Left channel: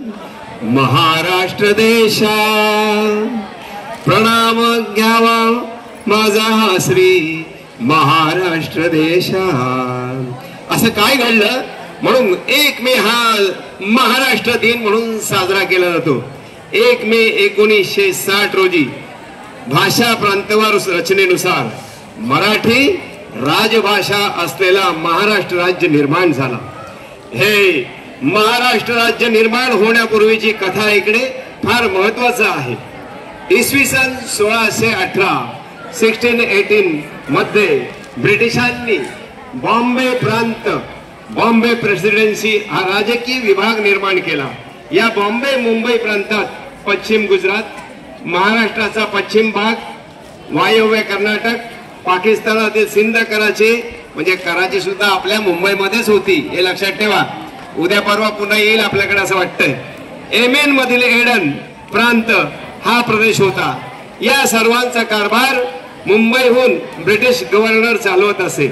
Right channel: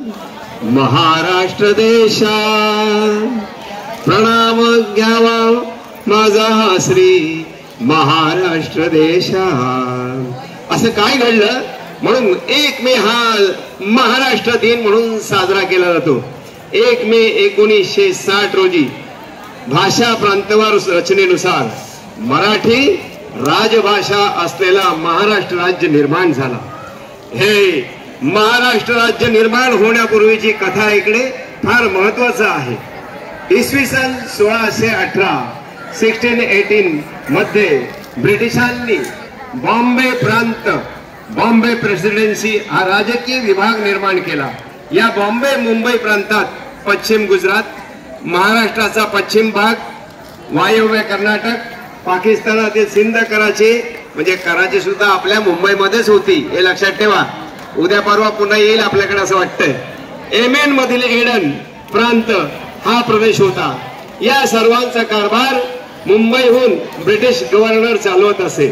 महाराष्ट्र देशा प्रणाम घ्यावा माझा श्री महाराष्ट्र देशा। असं काय घडलं म्हणून 1 मे हा महाराष्ट्र दिन म्हणून साजरा केला जातो। 1 मे 1960 रोजी भाषा प्रांतवार रचनेनुसार मराठी राजभाषा असलेला महाराष्ट्र राज्य निर्माण झाला। हे महाराष्ट्र राज्य निर्माण होण्यापूर्वीची कथा इकडे फार महत्वाचं आहे। इसवी सन 1618 1618 मध्ये ब्रिटिशांनी बॉम्बे प्रांत बॉम्बे प्रेसिडेन्सी हा राजकीय विभाग निर्माण केला। या बॉम्बे मुंबई प्रांतात पश्चिम गुजरात, महाराष्ट्राचा पश्चिम भाग, वायव्य कर्नाटक, पाकिस्तानातील सिंध, कराची म्हणजे कराची सुद्धा आपल्या मुंबईमध्येच होती हे लक्षात ठेवा। उद्या परवा पुन्हा येईल आपल्याकडे असं वाटतंय। येमेन मधील एडन प्रांत हा प्रदेश होता। या सर्वांचा कारभार मुंबईहून ब्रिटिश गव्हर्नर चालवत असे।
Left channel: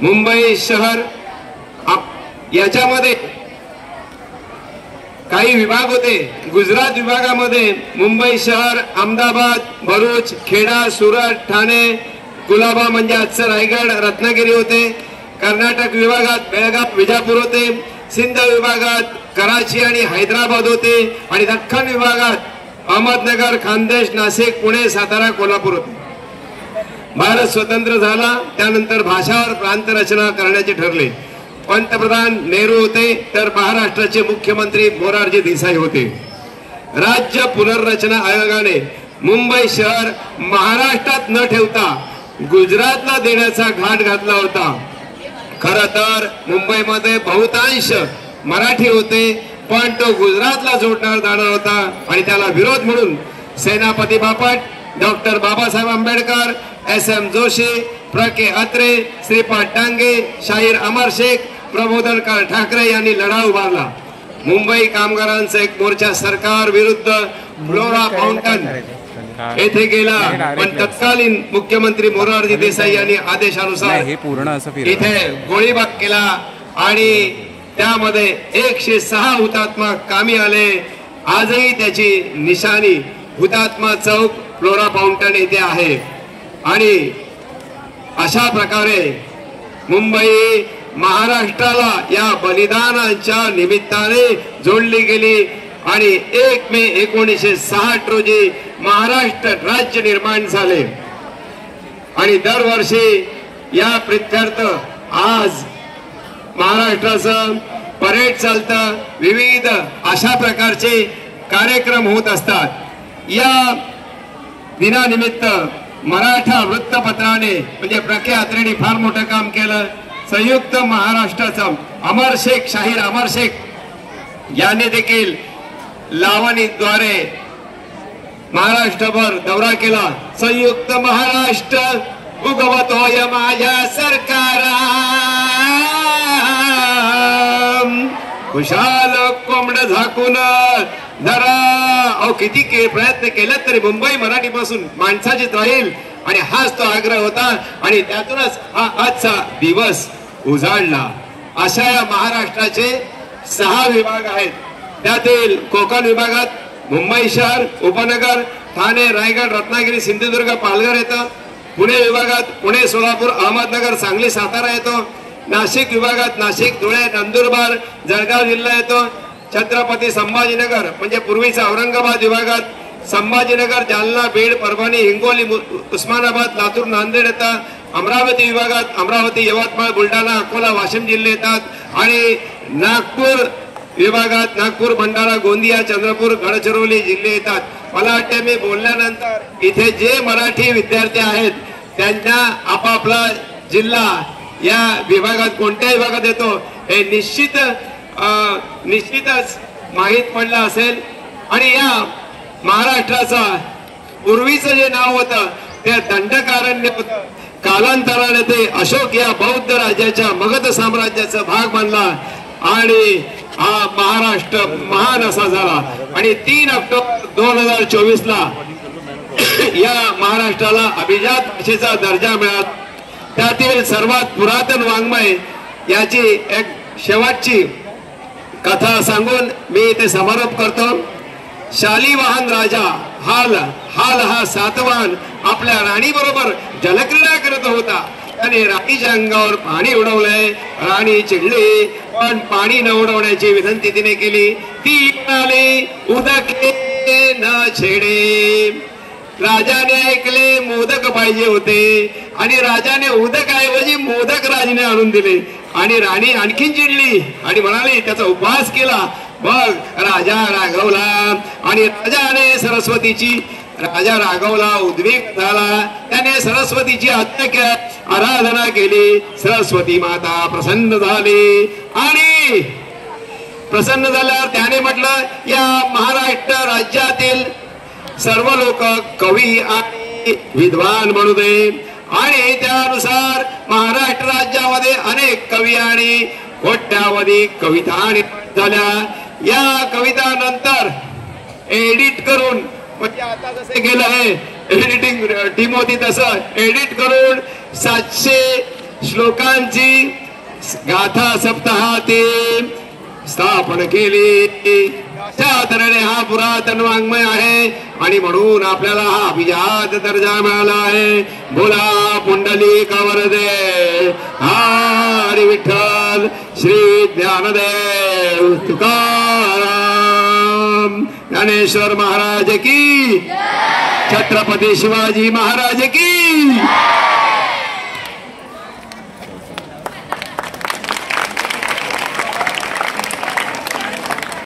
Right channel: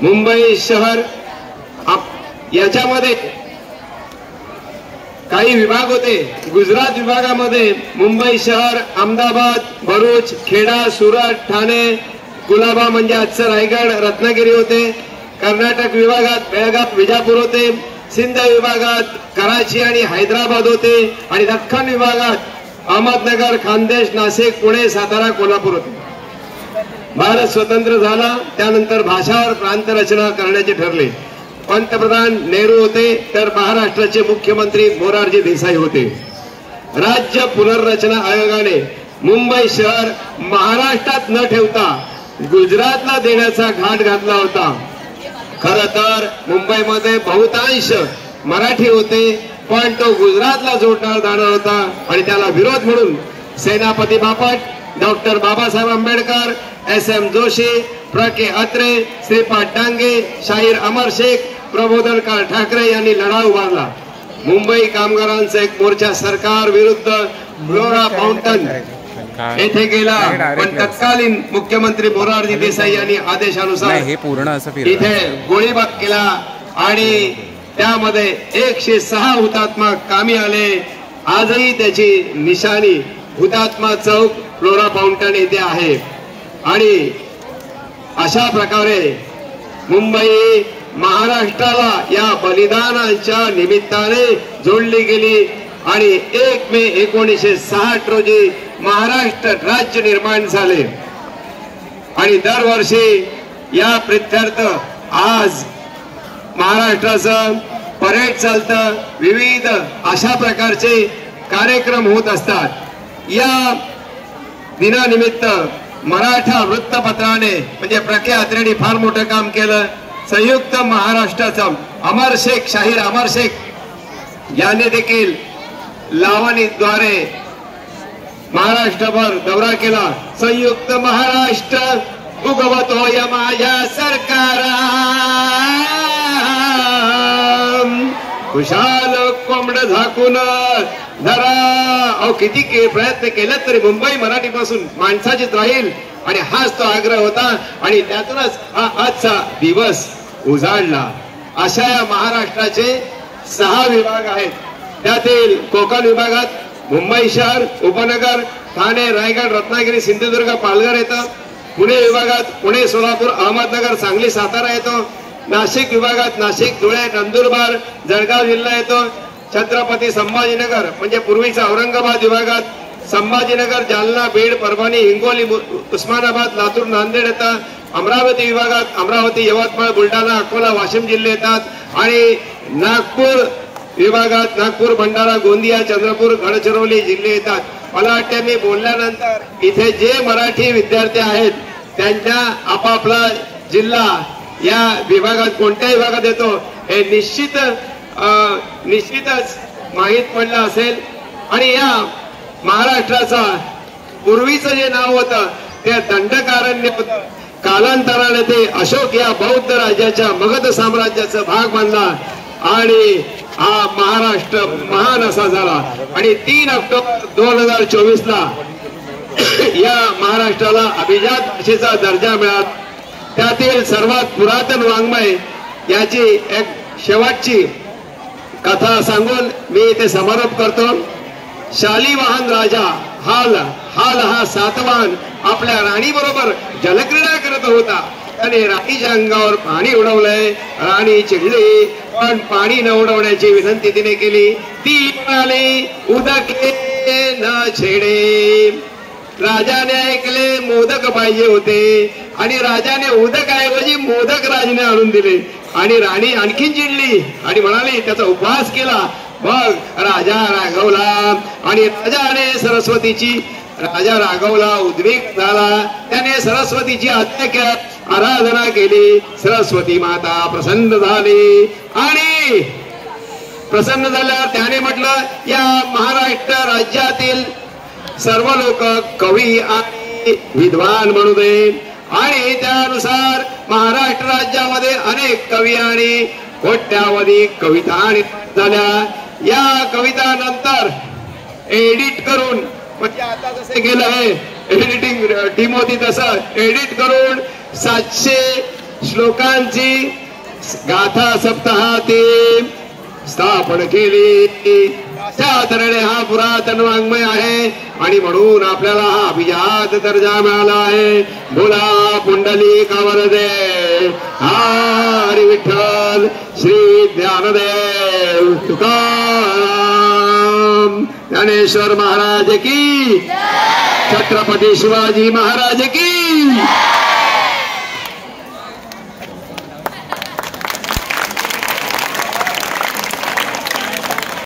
मुंबई शहर याच्यामध्ये काही विभाग होते। गुजरात विभागामध्ये मुंबई शहर, अहमदाबाद, भरूच, खेडा, सुरत, ठाणे, कुलाबा म्हणजे आजचं रायगड, रत्नागिरी होते। कर्नाटक विभागात बेळगाव, विजापूर होते। सिंध विभागात कराची आणि हैदराबाद होते आणि दख्खन विभागात अहमदनगर, खानदेश, नाशिक, पुणे, सातारा, कोल्हापूर होते। भारत स्वतंत्र झाला त्यानंतर भाषावर प्रांत रचना करण्याचे ठरले। पंतप्रधान नेहरू होते तर महाराष्ट्राचे मुख्यमंत्री मोरारजी देसाई होते। राज्य पुनर्रचना आयोगाने मुंबई शहर महाराष्ट्रात न ठेवता गुजरातला देण्याचा घाट घातला होता। खरं तर मुंबईमध्ये बहुतांश मराठी होते पण तो गुजरातला जोडणार जाणार होता आणि त्याला विरोध म्हणून सेनापती बापट, डॉक्टर बाबासाहेब आंबेडकर, SM जोशी, प्र.के. अत्रे, श्रीपाद डांगे, शाहीर अमर शेख, प्रबोधनकार ठाकरे यांनी लढा उभारला। मुंबई कामगारांचा एक मोर्चा सरकार विरुद्ध फ्लोरा फाउंटन येथे गेला पण तत्कालीन मुख्यमंत्री मोरारजी देसाई यांनी आदेशानुसार इथे गोळीबार केला आणि त्यामध्ये 106 हुतात्मा कामी आले। आजही त्याची निशाणी हुतात्मा चौक फ्लोरा फाउंटन येथे आहे आणि अशा प्रकारे मुंबई महाराष्ट्राला या बलिदानाच्या निमित्ताने जोडली गेली आणि 1 मे 1960 रोजी महाराष्ट्र राज्य निर्माण झाले आणि दरवर्षी या प्रीत्यर्थ आज महाराष्ट्राचं परेड चालतं। विविध अशा प्रकारचे कार्यक्रम होत असतात। या दिनानिमित्त मराठा वृत्तपत्राने म्हणजे प्र.के. अत्रेंनी फार मोठं काम केलं। संयुक्त महाराष्ट्राचा अमर शेख, शाहीर अमर शेख यांनी देखील लावणीद्वारे महाराष्ट्रभर दौरा केला। संयुक्त महाराष्ट्र उगवत होय माझ्या सरकारा, खुशाल कोंबड झाकून धरा। अहो किती प्रयत्न केला तरी मुंबई मराठीपासून माणसाचीच राहील आणि हाच तो आग्रह होता आणि त्यातूनच हा आजचा दिवस उजाडला। अशा या महाराष्ट्राचे 6 विभाग आहेत। त्यातील कोकण विभागात मुंबई शहर, उपनगर, ठाणे, रायगड, रत्नागिरी, सिंधुदुर्ग, पालघर येतं। पुणे विभागात पुणे, सोलापूर, अहमदनगर, सांगली, सातारा येतो। नाशिक विभागात नाशिक, धुळे, नंदुरबार, जळगाव जिल्हा येतो। छत्रपती संभाजीनगर म्हणजे पूर्वीचा औरंगाबाद विभागात संभाजीनगर, जालना, बीड, परभणी, हिंगोली, उस्मानाबाद, लातूर, नांदेड येतात। अमरावती विभागात अमरावती, यवतमाळ, बुलढाणा, अकोला, वाशिम जिल्हे येतात आणि नागपूर विभागात नागपूर, भंडारा, गोंदिया, चंद्रपूर, गडचिरोली जिल्हे येतात। मला वाटते मी बोलल्यानंतर इथे जे मराठी विद्यार्थी आहेत त्यांना आपापला जिल्हा या विभागात कोणत्या विभागात येतो हे निश्चितच माहीत पडलं असेल। आणि या महाराष्ट्राचा पूर्वीचं जे नाव होतं ते दंडकारण्य होतं। कालांतराने ते अशोक या बौद्ध राज्याच्या मगध साम्राज्याचा भाग बनला आणि हा महाराष्ट्र महान असा झाला आणि 3 ऑक्टोबर 2024 ला या महाराष्ट्राला अभिजात भाषेचा दर्जा मिळाला। त्यातील सर्वात पुरातन वाङ्मय याची एक शेवटची कथा सांगून मी इथे समारोप करतो. शालिवाहन राजा हाल हा सातवाहन आपल्या राणी बरोबर जलक्रीडा करत होता. त्याने राणीच्या अंगावर पाणी उडवलंय. राणी चिडली, पण पाणी न उडवण्याची विनंती तिने केली. ती म्हणाली, उदके न छेडे. राजाने ऐकले मोदक पाहिजे होते आणि राजाने उदकाऐवजी मोदक राजाने आणून दिले. आणि राणी आणखीन चिडली आणि म्हणाली, त्याचा उपवास केला. मग राजा रागवला आणि राजा रागवला, उद्विग्न झाला. त्याने सरस्वतीची आराधना केली. सरस्वती माता प्रसन्न झाली आणि प्रसन्न झाल्यावर त्याने म्हटलं, या महाराष्ट्र राज्यातील सर्व लोक कवी आणि विद्वान म्हणू दे. आणि त्यानुसार महाराष्ट्र राज्यामध्ये अनेक कवी आणि कोट्यावधी कविता झाल्या. या कविता नंतर एडिट करून, म्हणजे आता जसे केलं आहे एडिटिंग टीम होती तसं एडिट करून 700 श्लोकांची गाथा सप्ताहाती स्थापन केली. त्या तऱ्हेने हा पुरातन वाङ्मय आहे आणि म्हणून आपल्याला हा अभिजात दर्जा मिळाला आहे. बोला पुंडलिक वरदे हरी विठ्ठल श्री ज्ञानदेव तुकाराम ज्ञानेश्वर महाराज की, छत्रपती शिवाजी महाराज की.